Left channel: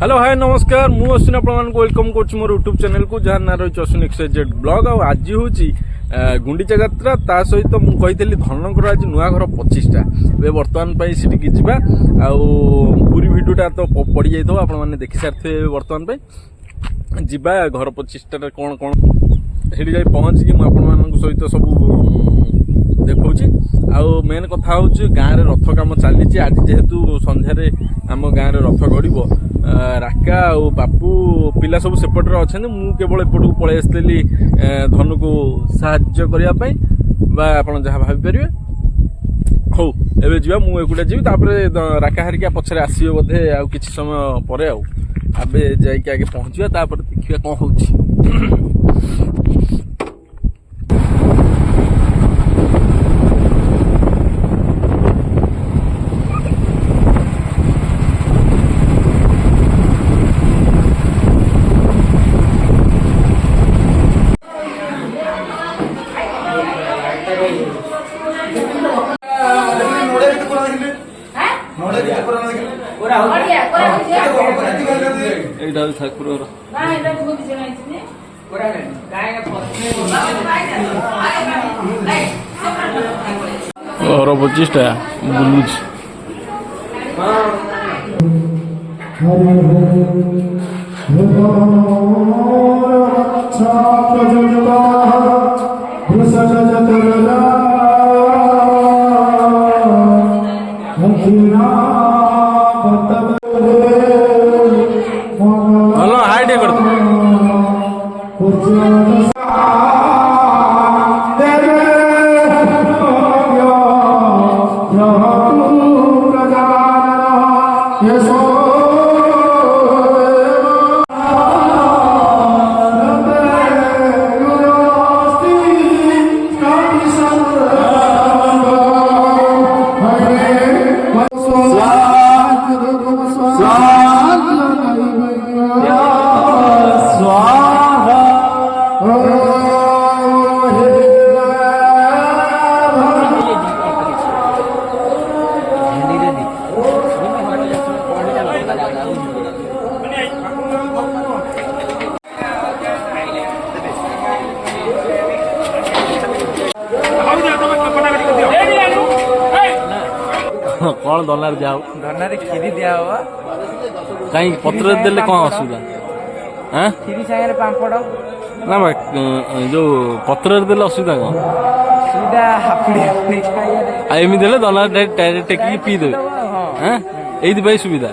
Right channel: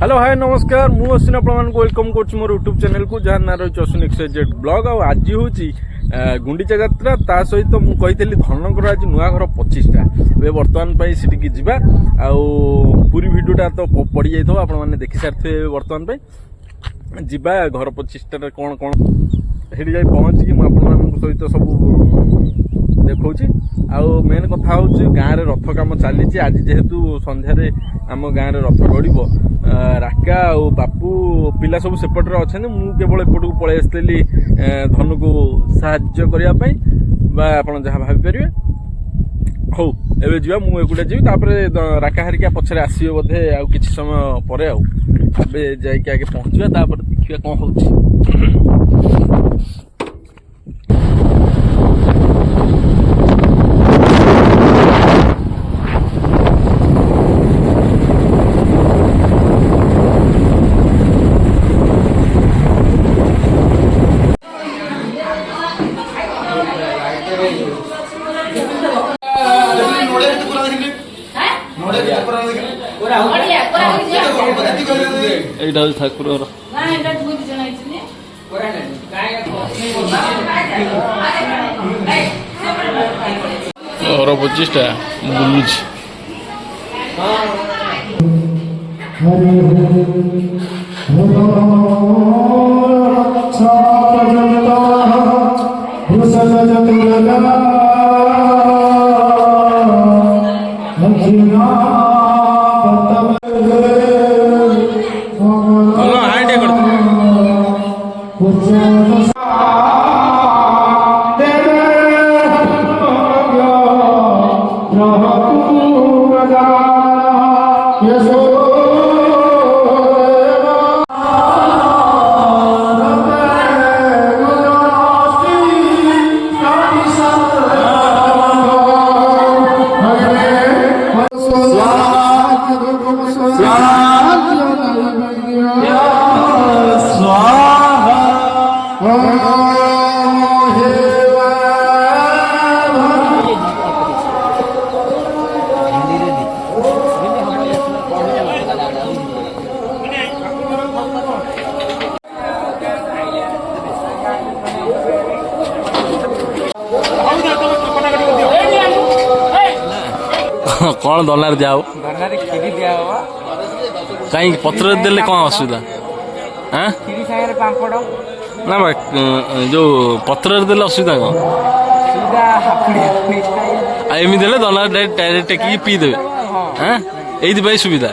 Hello hi नमस्कार मु अश्विन आपन वेलकम कर मोर यूट्यूब चैनल को जहाँ ना रही अश्विन एक्सजेड ब्लॉग आज हूँ गुंडीचा यात्रा ता सहित मुझे धनकर आज नुआ घर 25टा ए बर्तमान सीटिकी जावा पूरी भिडियोटा तो पड़ जाइए आपने देखी सारे बर्तमान जीवा घर 25टा कौन कौन से जाए पहुँचिकी मुझे सहित सब देखा आउ मेन कथा हूँ गाँव में रथ कम चली आज जेहेतु संध्यारे आम गाँव में रथ गड़ राका और बापू पिला सब सेपटे अच्छा मुझे केवल एपटू पलि आसती धनु को साहाय्य करने आप जहाँ भाई हौ एवं जा मुझे जी राका हारिका पछरे आसवे बोधे आ किसी समय पर आगे जाके पहुँचा देखिए कौन हो ठाकुर घर 25टा कौन दनार दियाओ खीरी दिया कहीं पत्र देले कौन असुविधा हाँ ना जो पत्र देले असुविधा कौन एमि देले दनार डायरेक्ट टेकी पी देवे हाँ ये सुविधा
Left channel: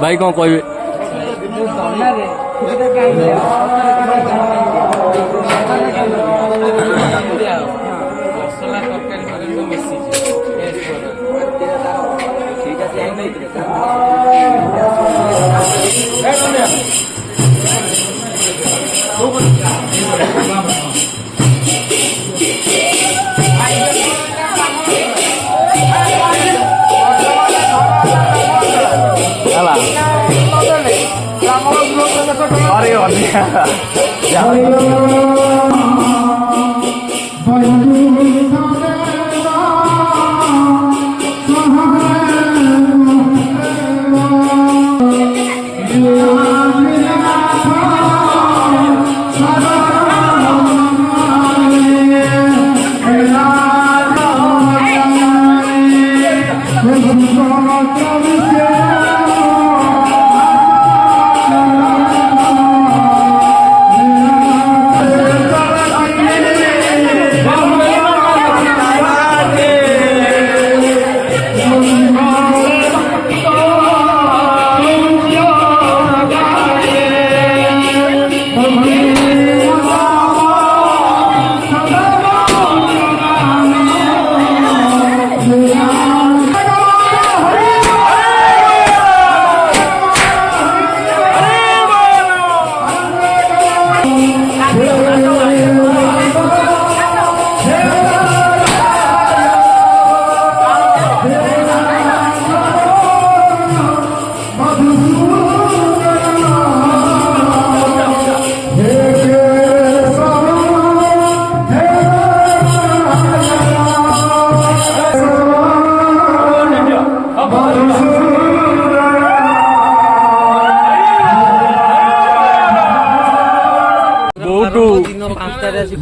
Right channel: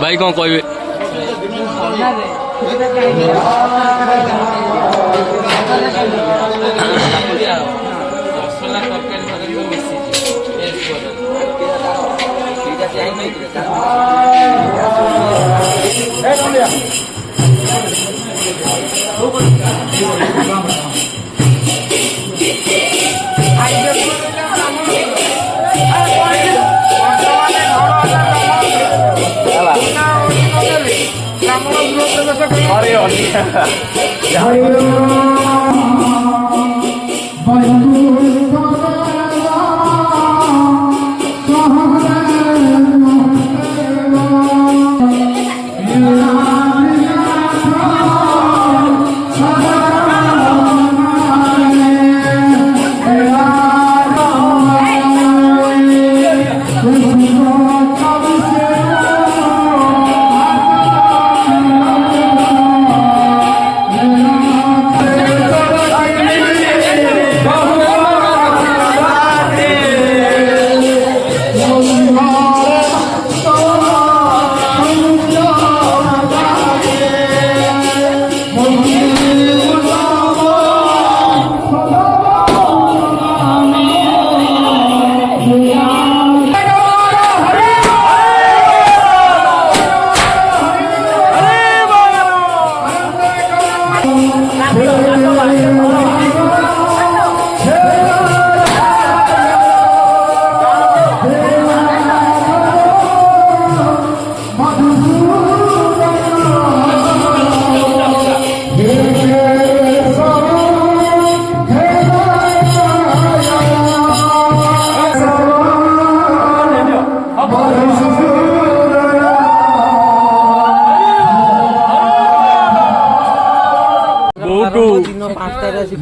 भाई कौन कहे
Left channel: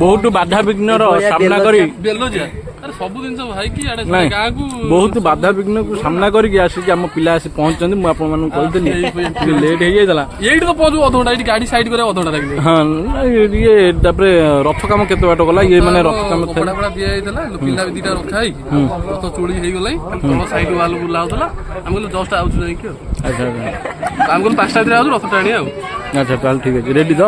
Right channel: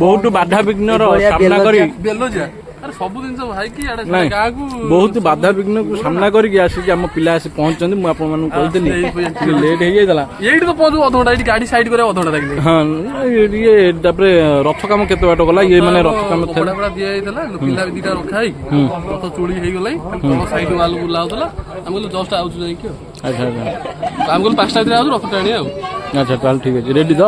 बहुत बाधा विघ्न सामना करी ସବୁ ଜିନିଷ ଭାଇକି ନାଇଁ ଗାଁକୁ ବହୁତ ବାଧା ବିଘ୍ନକୁ ସାମ୍ନା କରିକି ଆସିକି ଆମ ପିଲା ଆସି ପହଞ୍ଚିଛନ୍ତି। ମୁଁ ଆପଣମାନଙ୍କୁ କହିଥିଲି ଟିକେ ଲେଟ୍ ହେଇଯାଇଥିଲା। ଏଇଠି ତ ପହଞ୍ଚୁ ଅଧଘଣ୍ଟା, ଏଇଠି ଗାଡି ସାଇଡ କରିବା ଅଧଘଣ୍ଟା ଲାଗିଲେ। ହଁ ଇଏ ତାପରେ ରଥ କାମ କେତେ ବାଟ ଗଲା, ଇଏ ମାନେ ରଥ କାମ କପଡା ଫପଡା ଦିଆ ହେଇଥିଲା, ପିଲା ବି ଦିଟା ରଖା ହେଇକି ରଥ ଚୁଳି ହେଇଗଲାଣି, ତଳ ସାଇଡ ୱାଲ ବୁଲା ହଉଥିଲା। ଆମେ କହିଲୁ ଜଷ୍ଟ ଆଉଛୁ ଯାଇକି ଆଉ। ଆଚ୍ଛା ଆଚ୍ଛା ଆମେ କହିଲୁ 5ଟା ଭିତରେ ଆଉଛୁ, ରଥ ଟାଣି ଆଉ। ଆଚ୍ଛା ତାହେଲେ ଠିକ ଅଛି, ରେଡି ତ?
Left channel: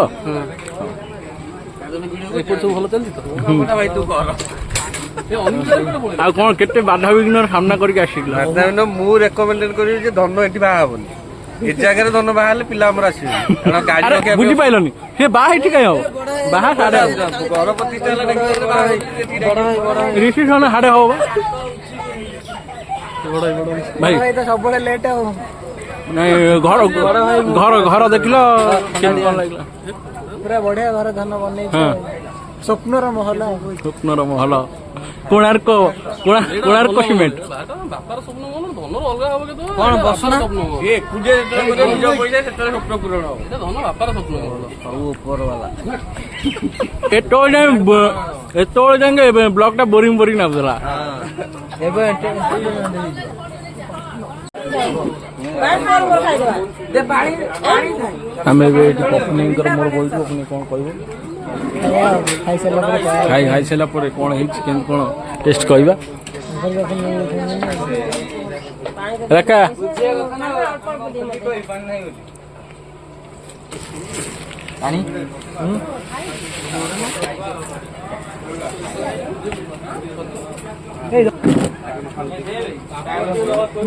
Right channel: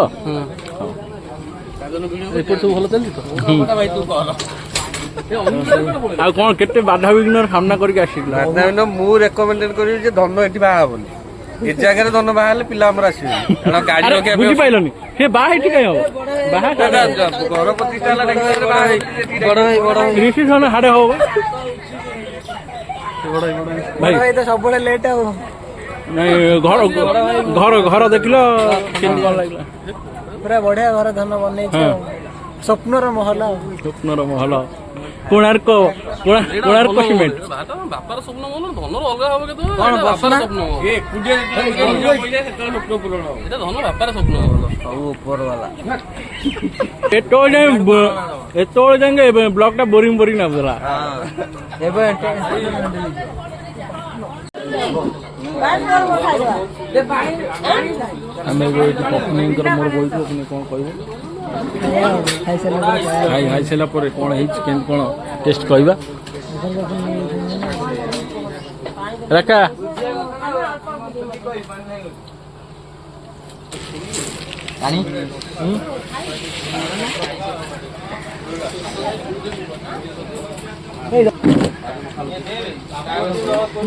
ସବୁ ଭଲ ଚାଲିଛି ତ ଭାଇ, ତୁ କର। ଆଉ କଣ କେତେ ବାଧା ବିଘ୍ନର ସାମ୍ନା କରିକି ଆସିଥିଲା? ମୁଁ ରେକମେଣ୍ଡ କରିବି ଯେ ଧନ ଏଠି ବାହା ହବନି। ଏ ଜାଗାରେ ଧନ ବାହା ହେଲେ ପିଲା ଆମର ଆସିବେ, କାରଣ ଗାଡି ରଖିବା ବୁଝିପାରିଲନି ସେ ବାହା ଏଠି କାଇଁ ହବ? ବାହା ଘର ପ୍ରତିଷ୍ଠା ରିସିପସନ ହାଡେ ହବ ଭାଇ ସବୁବେଳେ ଲେଟ୍ ଆଉ। ନାଇଁ ଘର ଘର ଘର ଦେଖିଲ କେମିତି କଣ ଲାଗିଲା? ପୁରା ବଢିଆ ଘର ଧନ ବନେଇଛ, ସ୍ୱପ୍ନର ମହଲ। ସ୍ୱପ୍ନର ମହଲ, କୋଣାର୍କ କୋଣାର୍କ ସିମେଣ୍ଟ। ବାପାର ସ୍ୱପ୍ନ ମହଲ, ଧନର ଅଲଗା ହବ କେତେବେଳେ? ବାପାର ସ୍ୱପ୍ନ ମହଲ, ଏଇଟା ଧନ ବାପାର ସ୍ୱପ୍ନ ମହଲ। ସବୁ ଉପର ବାଲା। ଏତେବେଳେ ଯାଏଁ ବ୍ଲକ ଟା ବୋରିଂ ଲାଗୁଥିଲା। ଏବେ ଆମେ ଏବେ ଏଠି ପତ୍ନୀଙ୍କର ମୋର ବଇଛୁ, ଆପଣ କଣ କହିବେ? ଖାଇସାରିଲା ପରେ କଣ ହେଇଛି କେମିତି କଣ ଟେଷ୍ଟ କହିବା? ରାକା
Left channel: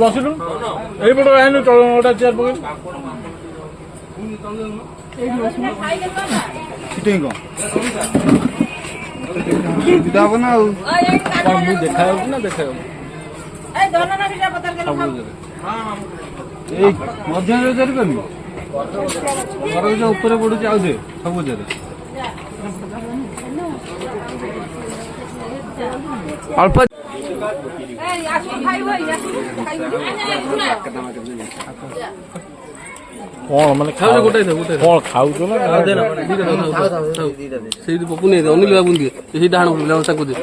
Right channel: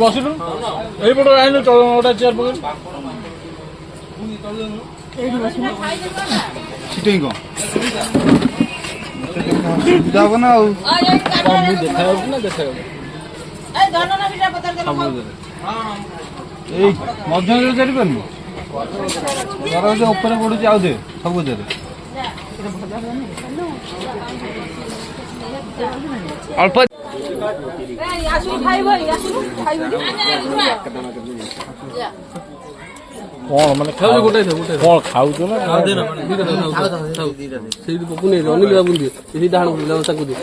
ବସିଲୁ ଏଇପଟ ଆଇନୁ ଗୋଟା ଚେୟାର ପକେଇ ହବ ନା ଆଉ। ମୁଁ ଦେଖାଯାଉଛି ନା ଦେଖାଯାଉଛି? ଏଇ ମଧ୍ୟରେ ଚାରିପାରୁନି, ଉପରେ ପଡୁଛି ଆଉ ଦେ ସବୁଥିରେ। ଅଳ୍ପ କଣ ମାନେ ଗୋଟାଇ କଣ ଖାଉଛ ନା? ସେଇଠି ପପୁ ନେଇ ଅନିଲ ବାବୁ ଦିଅ, ସେଇ ଡାହାଣ ତାକୁ ଦିଅ।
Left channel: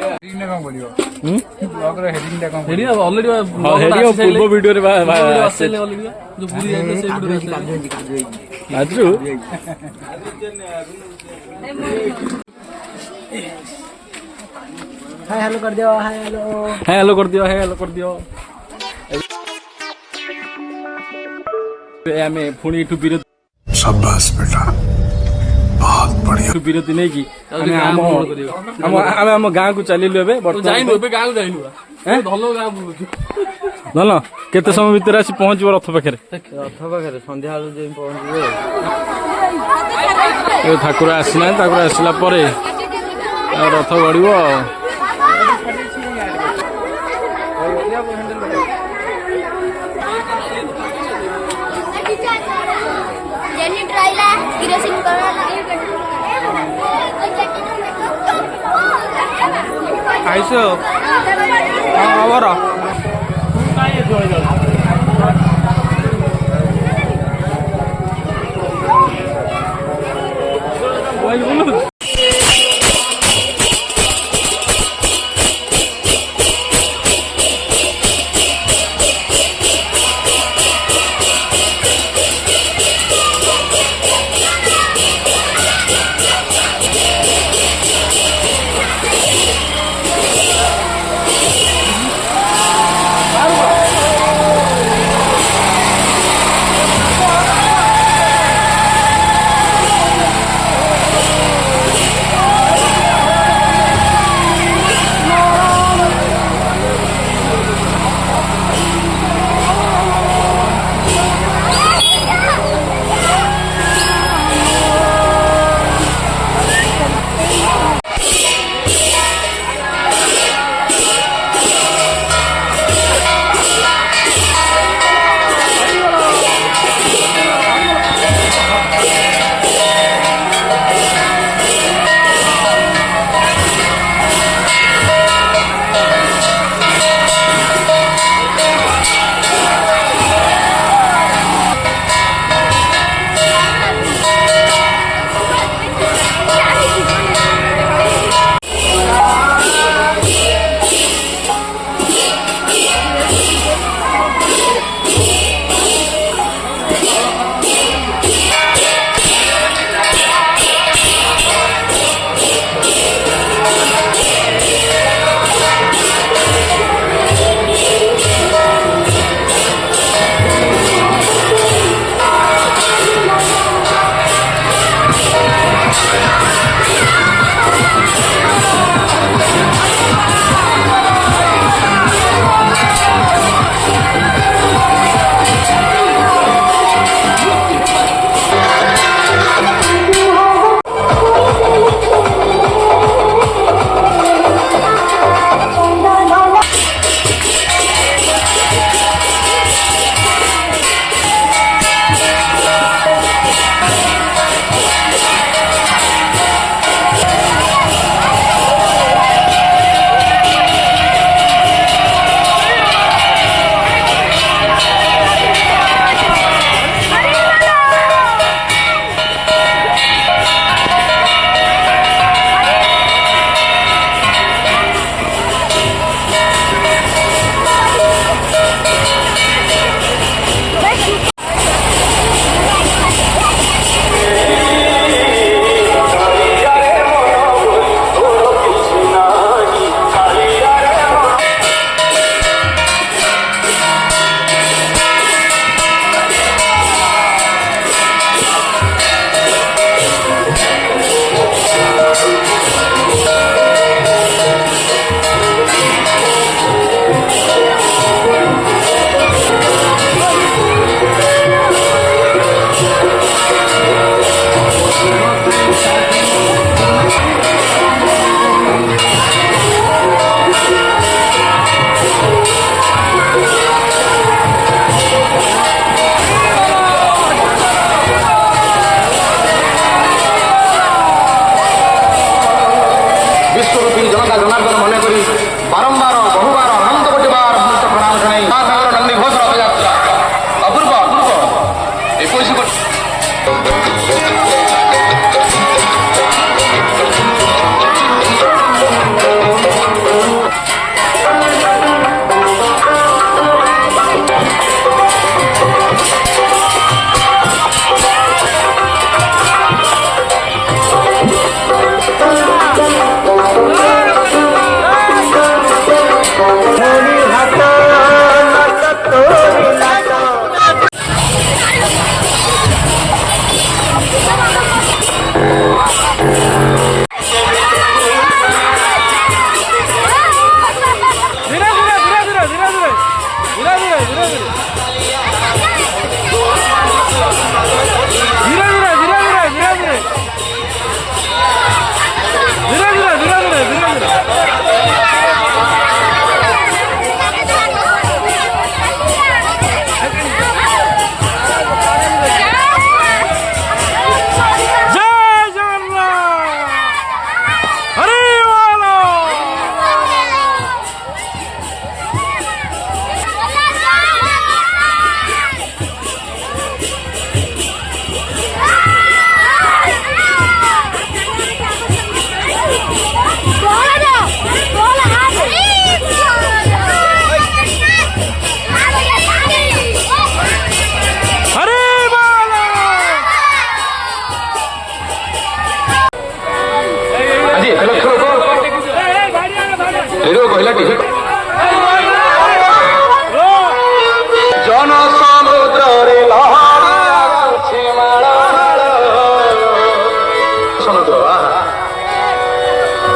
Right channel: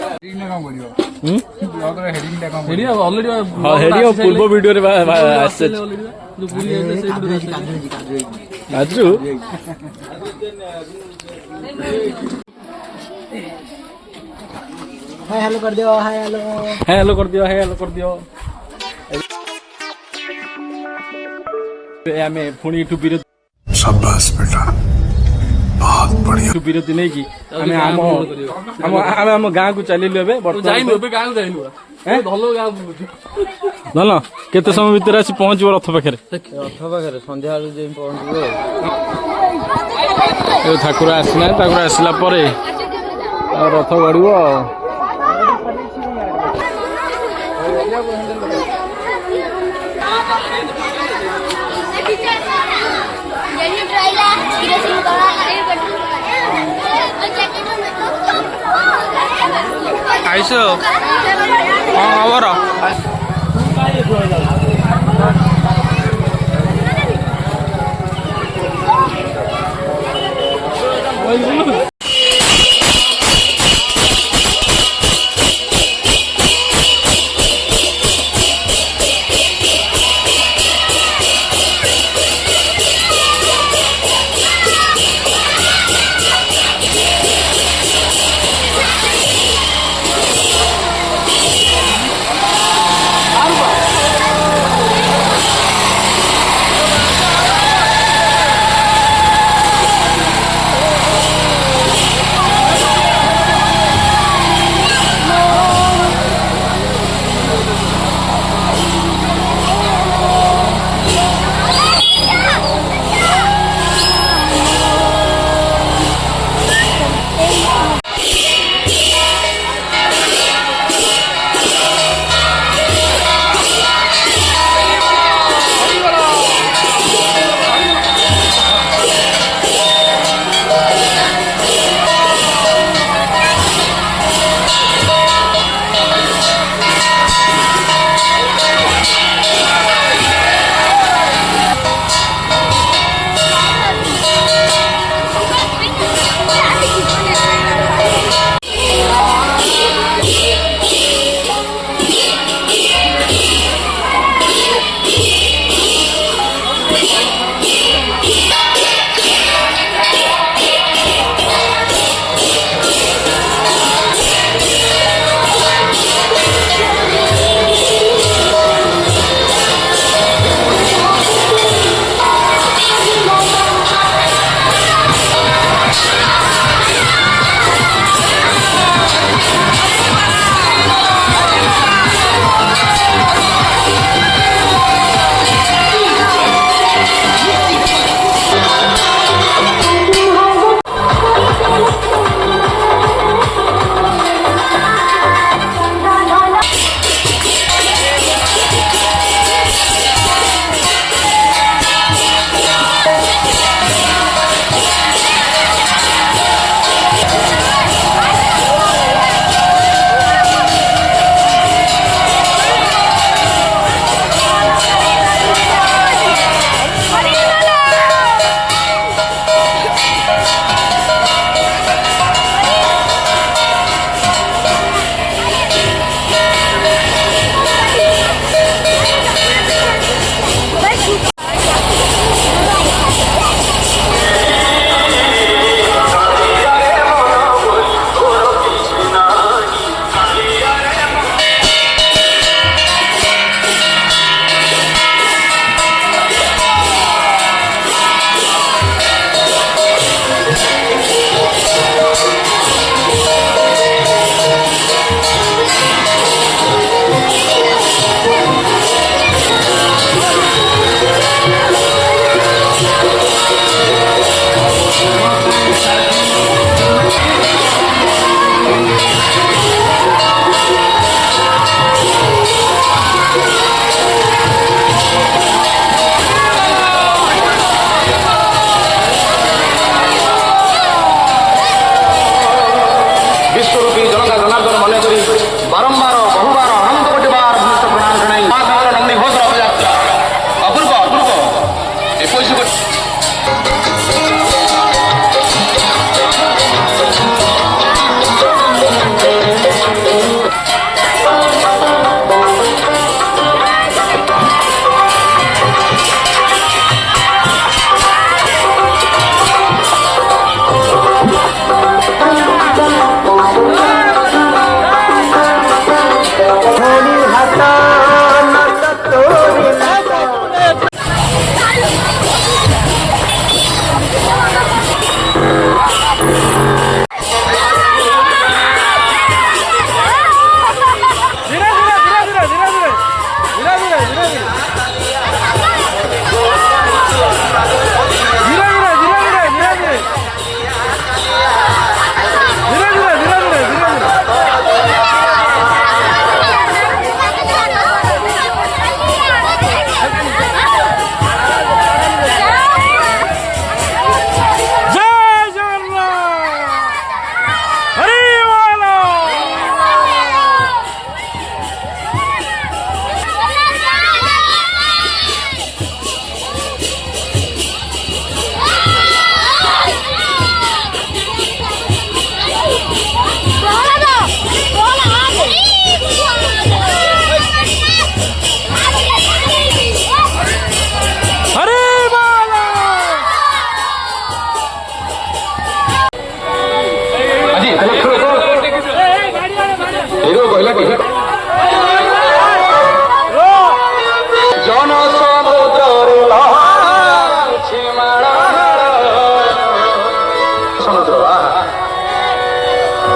ପୂର୍ବ ଭିଡିଓରେ ଆସୁ हेलो कर दियो, हेलो कर दियो, हेलो कर दियो। ଆମେ ପୁଣି ଏଠୁ ବିରତି, शाबाश बेटा, बहुत बढ़िया। ବିରତି ନେଇକି ଆମେ ଆମ ଗାଁକୁ ଚାଲିଲୁ। ଏବେ ଯାଇନୁ, ଏବେ ଗାଁକୁ ଯାଇନୁ, ଭଲ ଗାଁ ବୁଲୁଛୁ। ଭଲ, କେତେ ସମୟ ଭିତରେ ଆସି ପହଞ୍ଚିବ ରଥ ପାଖରେ? ସନ୍ଧ୍ୟା ବେଳକୁ ଯାଇ ପହଞ୍ଚିବ। ଏବେ ଠାକୁର ଆସିନାହାନ୍ତି, ଠାକୁର ଆସିଲା ପରେ ରଥ ଗଡ଼ିବ ଆଉ। ଆଇସ କଣ ଖବର?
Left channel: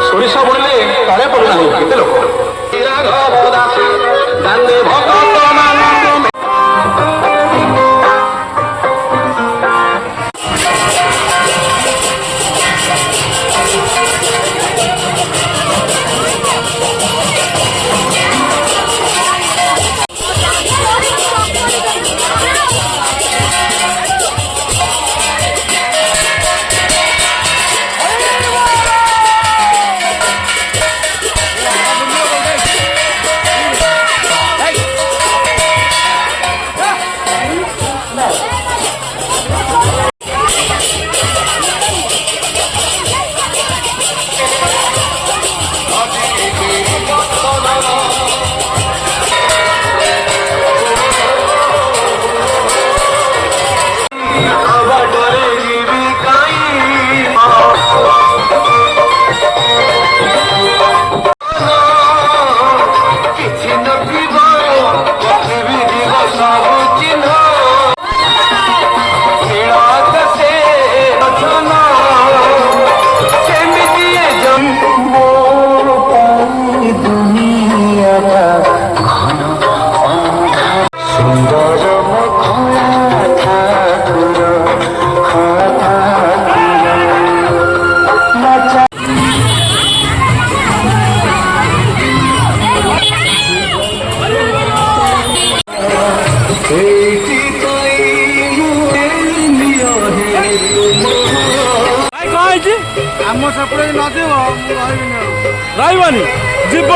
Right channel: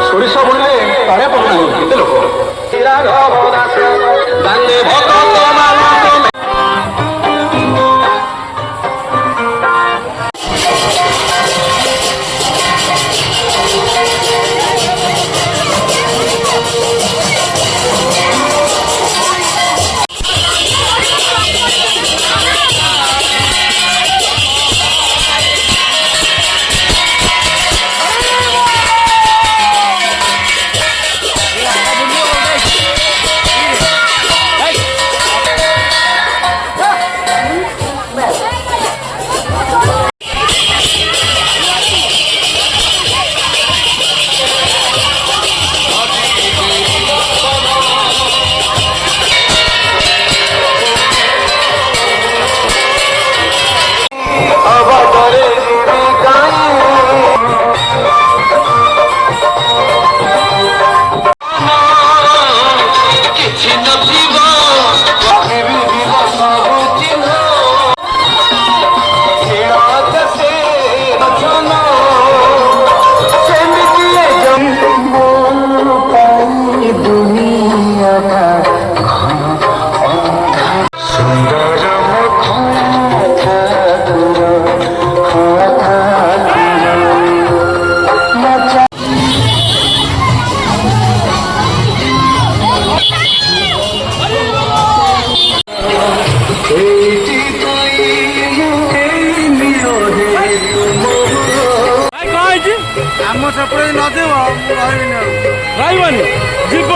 ସୋରିଷ ବୁଣିଲେ କାଳେ ପଡୁନାହିଁ କେତେ ଲୋକ ଆମ ସେପଟେ ନଯିବ ମୁଁ ରହିବିନି ଆଉ ରହିବନି ଯିବ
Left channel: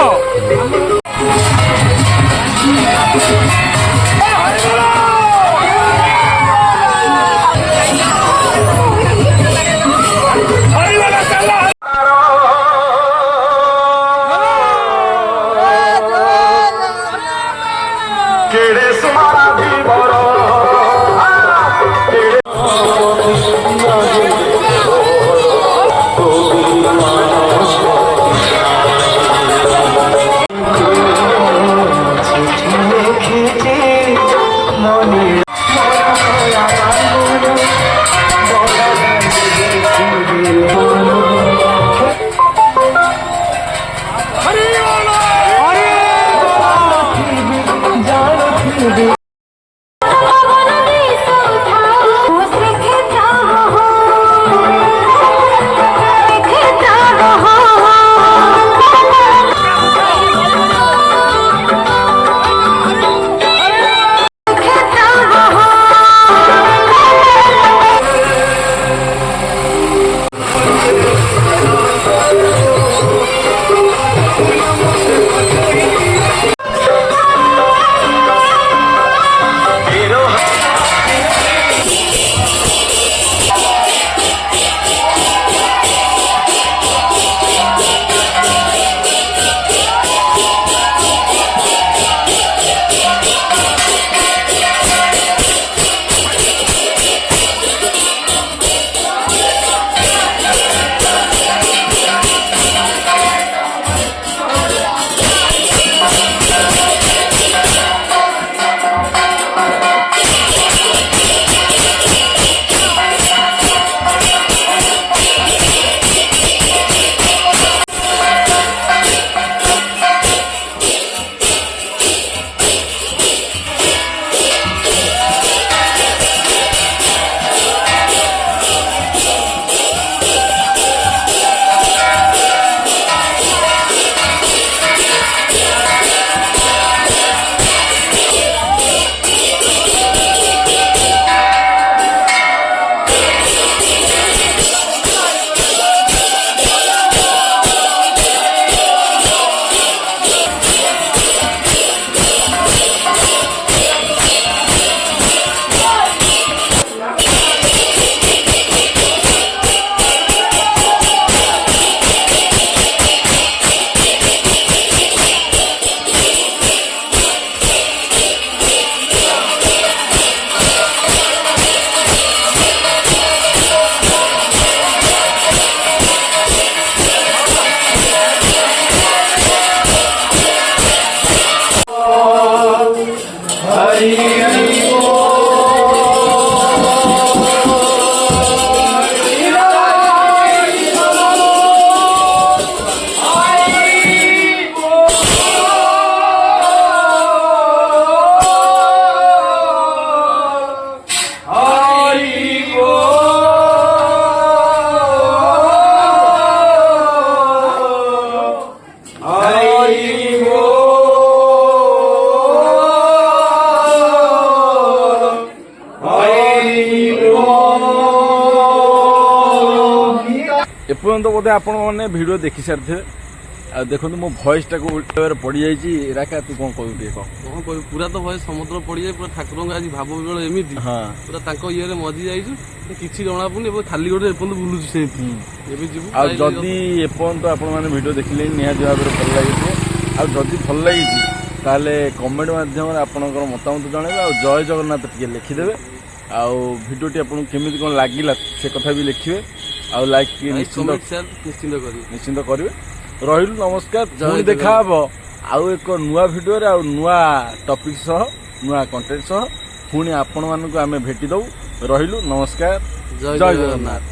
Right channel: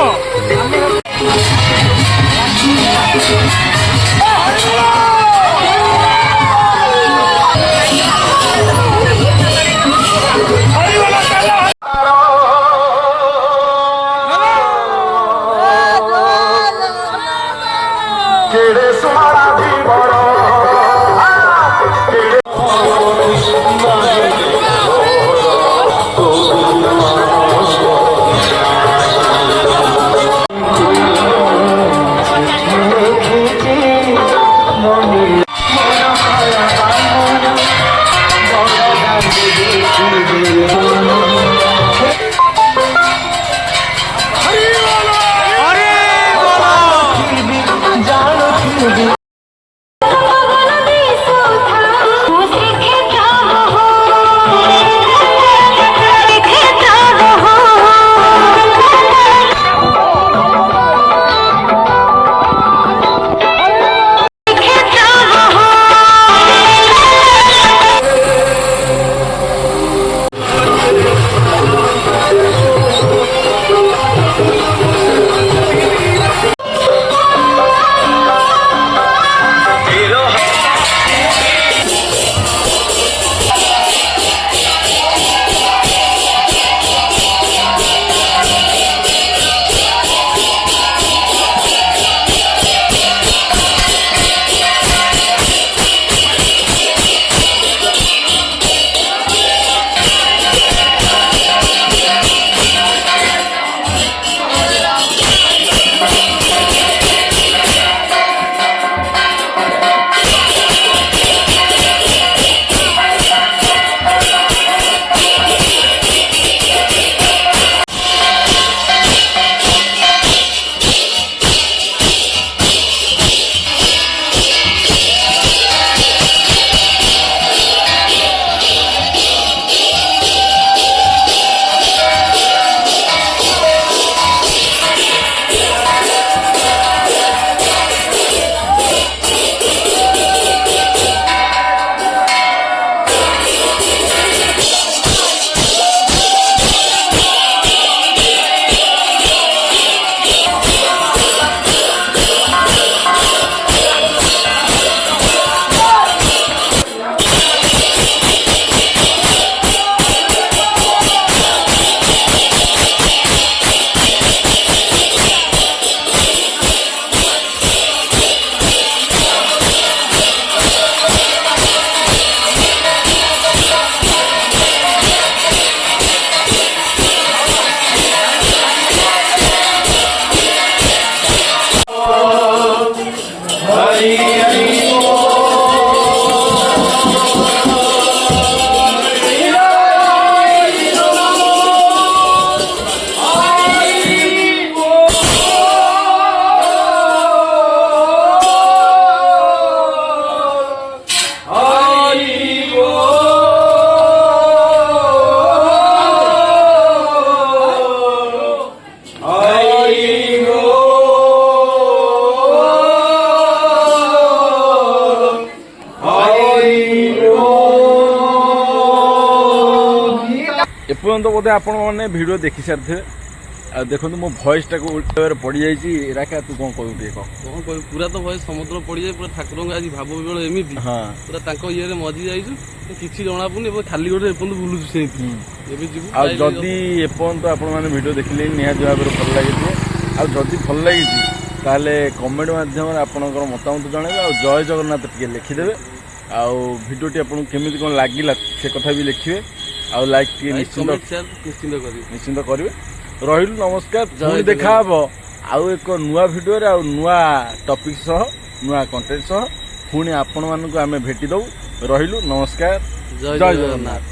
ଏପର୍ଯ୍ୟନ୍ତ ବୋଧେ ଆପଣ ମାନେ ଭିଡ଼ିଓ ଦେଖି ସାରିଥିବେ। ଆଉ ଦେଖନ୍ତୁ ମୋ ଭଏସଟାକୁ ଉଲ୍ଟାରେ ପଡ଼ିଯାଇଛି। ରାକା ତୁ କ'ଣ କହିବୁ ଟିକେ କହ। କଣ କହିବି, ପୁରା ତ ଭୟ ସମୁଦ୍ର ପଡ଼ିଯାଏ, ପୁରା ଠାକୁରଙ୍କ ଆଜି ଭାବ ବିବେଳ ଏମିତି ହଁ ପୁରା ତାଙ୍କ ଇଏରେ ମଜି ଯାଇଛୁ, କିଛି ଜଣା ପଡୁନି। ଏବେ ଖାଲି ଗୋଟେ ଏପର୍ଯ୍ୟନ୍ତ ବୁଲୁଛୁ ସେମିତି। ଏବେ ଯିବୁ ଆଉ ଯାଇ- ଯଦି ଏପର୍ଯ୍ୟନ୍ତ ଆପଣମାନେ ଭିଡ଼ିଓ ଦେଖିଲେ ନିହାତି ଭାବରେ ଭଲ ଲାଗିଥିବ। ଆଉ ଯଦି ଭଲ ଲାଗିଛି ତାହେଲେ କମେଣ୍ଟ ମାଧ୍ୟମରେ ଆପଣଙ୍କର ମତାମତ ଜଣାଇବେ। ଆଉ ଜୟ ଜଗନ୍ନାଥ ଟିକେ ଲେଖିଦେବେ। ଆଉ ଭିଡ଼ିଓଟି ଆପଣଙ୍କୁ କେମିତି କ'ଣ ଲାଗିଲା ସେ କଥା ବି ଲେଖିବେ। ଆଉ ଲାଇକ୍ ଟିକେ ଲାଇକ୍, ନିଶ୍ଚିନ୍ତ କମେଣ୍ଟ, ସେୟାର ନିଶ୍ଚିନ୍ତ କରିବେ। ନିଶ୍ଚିନ୍ତ କରିବେ। ରହିଲୁ, ନମସ୍କାର। ଜୟ ପୁଣି ଦେଖାହବ ଆଉ ଏକ ନୂଆ ଭିଡ଼ିଓରେ ଆଉ ନୂଆ ଟପିକ୍ ସହ, ନୂଆ କଣ୍ଟେଣ୍ଟ ସହ ପୁଣି ଆପଣମାନଙ୍କୁ ଆମେ ଭେଟି ଦବୁ। ରହିଲୁ, ନମସ୍କାର, ଜୟ ଜୟ ଜଗନ୍ନାଥ। ଜଗନ୍ନାଥ।